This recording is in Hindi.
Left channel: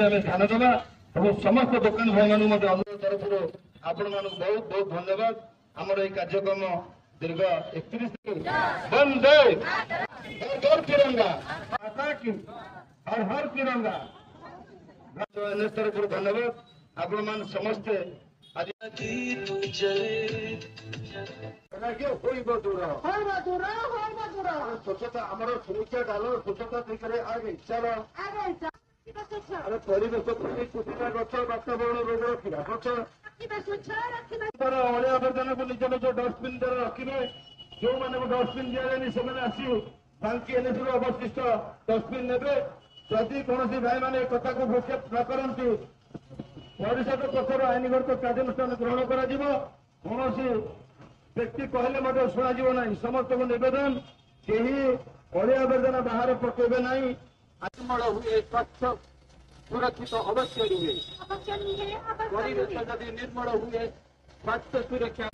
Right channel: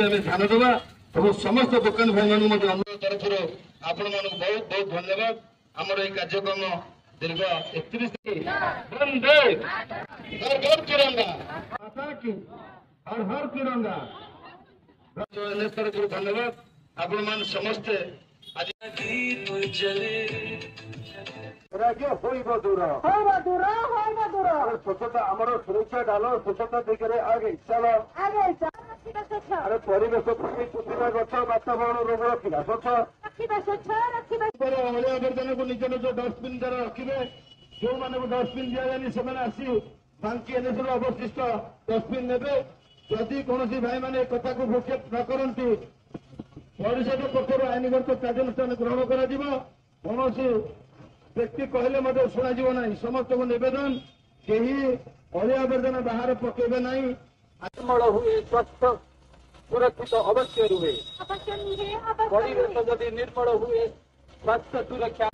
ध्यान देवा और समस्त दोकानी भाई मान अनुरोध तरफ आपण मान बहुत बहुत धन्यवाद। आमर ये कार्यक्रम दीर्घ 31 वंदे हर घर तिरंगा माता की हर हर तिरंगा तरफ धन्यवाद। आपण मान समस्ते आज स्वच्छता आम सुरक्षा डाल स्वच्छता देखिए आगे चल अरे परिवेश गच वातावरण रोग रखा स्वच्छ अलिया आवर्जना को निज निज डस्टबिन द्वारा रखिए। जो मैंने डस्टबिन दि जाए से आसी बांकी एनएसी अवशिष्ट डस्टबिन ने जदि कौन भाई मैंने कथा को भ्रूक्षेप न करती परिषद पक्ष आईनगत कार्यानुष्ठान ग्रहण कर व्यक्ति कहले शुणा ना समस्त को निवेदन कहीं अलिया आवर्जना बाहर पकेबे ना निर्मल हुए स्वच्छ सुरक्षित अवश्य रुहे परिवेश जदि निर्मल हुए स्वास्थ्य सुरक्षा